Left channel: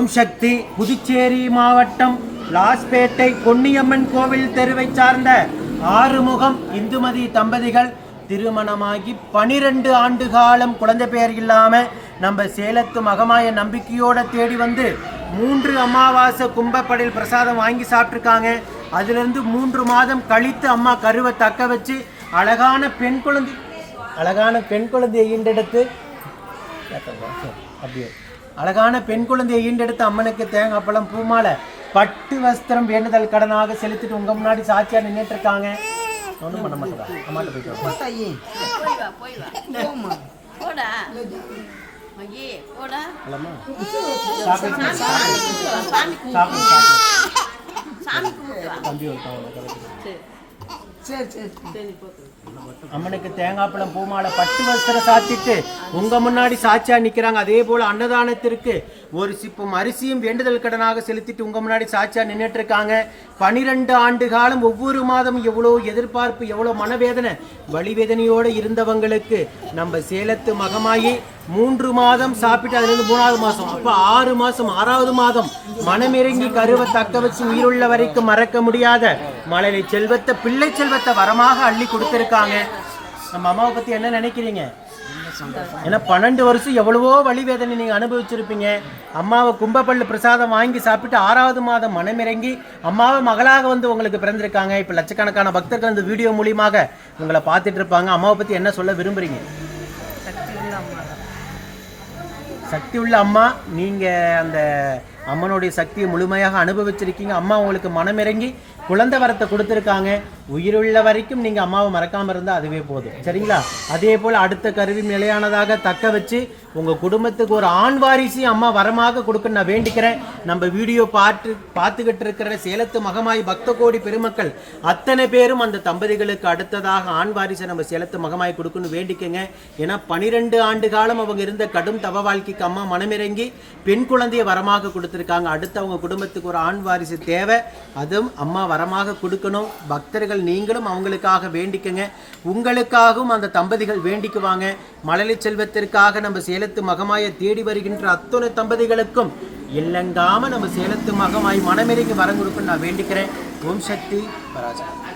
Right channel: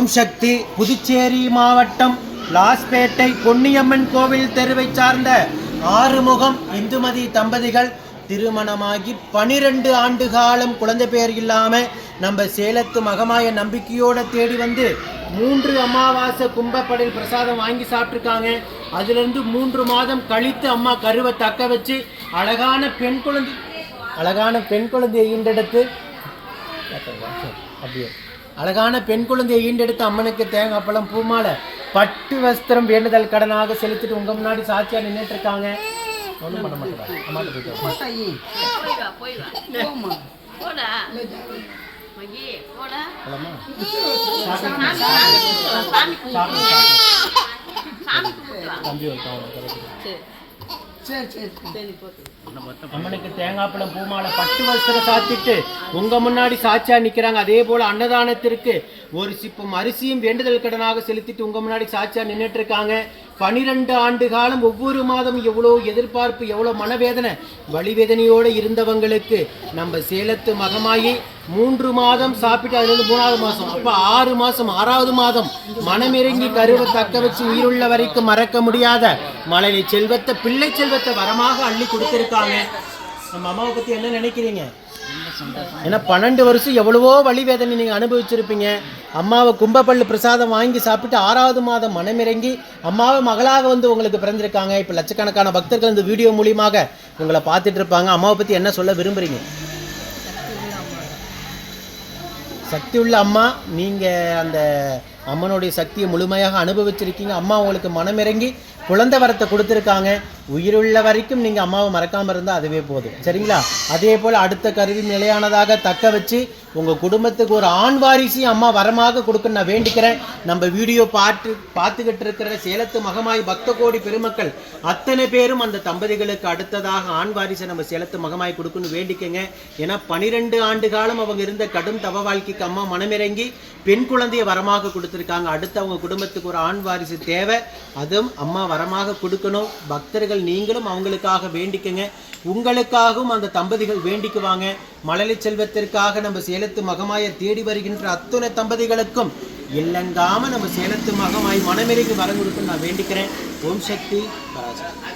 ஓம் சக்தி. புதுச்சேரி மாவட்டம் லாஸ்பேட்டை பொன்னியம்மன் கோவில் தெருவை சார்ந்த ஆறுமுகம் இந்துமதி தம்பதிகள் திருமணமாகி 12 ஆண்டு காலம் குழந்தை பேர் இல்லாமல் நம்ம சேலத்து மகமாய நம்பிக்கையோடு தேடி வந்து 3 அமாவாசை கும்பப்படையில் பிரசாதம் வாங்கி சாப்பிட்ருக்காங்க. அதிலிருந்து 3 மாதம் கழித்து அம்மா கருவை தக்க வச்சு அழகான பெண் குழந்தையை ஈண்டெடுத்து அப்படியே அழகான பெண் குழந்தையை ஈண்டெடுத்து அம்மனுக்கு தேங்காய் பழம் பூமாலை பட்டு வஸ்திரம் வேண்டுதல் கடனாக செலுத்திட்டு உங்க முன்னாடி சாட்சியா நின்றுட்டு இருக்காங்க. ஒன்றும் பண்ண மாட்டேன். அம்மாட்ட போயிட்டு அம்மனுக்கு தேங்காய் பழம் பூமாலை பட்டு வஸ்திரம் சாத்திட்டு உங்க முன்னாடி சாட்சியா நிக்கிறாங்க. அதே போல அன்னதானத்திற்கு ஒரு சிப்பம் அரிசியும் வேண்டுதல் கடனாக செலுத்திட்டு உங்க முன்னாடி சாட்சியா நின்றுட்டு இருக்காங்க. 12 ஆண்டு காலம் ஒவ்வொரு மாதம் எவ்வளோ எதிர்பார்ப்பு, எவ்வளோ மனவேதனை வலிவேதனையோடு இருந்தவங்களுக்கு நம்ம சேலத்து மகமாயி 3 மாதம் சாப்பிட்டு அதுலேருந்து 3வது மாதம் அப்போ 6 மாதம் 6வது மாதம் மனமிறங்கி கருவை தக்க வச்சு உயிருள்ள வரைக்கும் மறக்க முடியாத மழலை செல்வத்தை பிள்ளை செல்வத்தை வரமாக அள்ளி கொடுத்துருக்காங்க. நம்ம அம்மாவை பற்றி என்ன நினைக்கிறீங்க? ஏன்னா 12 வருஷம் எவ்வளவோ வலி வேதனை நீங்கள் அனுபவிச்சிருப்பீங்க. அம்மாவை கும்பப்பள்ளி பிரசாதம் வாங்கி சாப்பிட்டு 6வது மாதம் மனமிறங்கி அம்மாவை மகளாக வந்து உங்களுக்கு பிறந்திருக்காங்க. இப்போ லட்சக்கணக்கான பக்தர்கள் இந்த வீடியோ மூலியமாக உங்களை பார்த்துட்டு இருப்பாங்க. அம்மாவை பற்றி என்ன சொல்ல விரும்புகிறீங்க? சக்தி உள்ள அம்மா. நீங்கள் அந்த அம்மனுடைய சக்தியை முழுமையாக அனுபவிச்சிருக்கீங்க. அம்மா உங்களுக்கு மனமிறங்கி குழந்தை வரத்தை கொடுத்துருக்காங்க. உயிருள்ள வரைக்கும் நீங்கள் அம்மாவை மறக்காமல் இருந்தால் அதுவே போதும். சரிங்களா? அதே போல் அடுத்த கருவி நிலையானதாக தக்க வச்சு உங்கள் குடும்பத்துக்கு ஒரு ஆண் வாரிசு அம்மா வரமாக கொடுக்க நான் வேண்டிக்கிறேன். நம்ம வீடியோ பார்த்துக்கிட்டு இருக்கிற சேலத்து மகமாய் பக்த கோடி பெருமக்கள் அத்தனை பேரும் அந்த தம்பதிகளுக்கு அடுத்ததாக ஆண் வாரிசை நம்ம சேலத்து மகமாய் கொடுக்கணும்னு வேண்டிக்கங்க. ஏன்னா 12 ஆண்டு காலம் அவங்க இருந்த கடும் தவ வாழ்க்கைக்கு அம்மா மனமிறங்கி பெண் குழந்தைய வரமாக கொடுத்துருக்காங்க. அடுத்து அவங்க குடும்பத்துக்கு ஒரு ஆண் வாரிசு தேவை. அதுவும் அம்மா வரமாக கொடுக்கணும். பக்தர்கள் நீங்களும் அவங்களுக்காக வேண்டிக்கங்க. உங்களுக்காகவும் அந்த தம்பதிகள் வேண்டிக்குவாங்க. மழலை செல்வத்திற்காக நம்ம சேலத்து மகமாயை தேடி வருகின்ற அத்தனை தம்பதிகளுக்கும் இல்லங்காம நம்ம சேலத்து மகமாய் மனமிறங்கி வரம் கொடுக்குன்னு நான் வேண்டிக்கிறேன். ஓம் சக்தி பராசக்தி.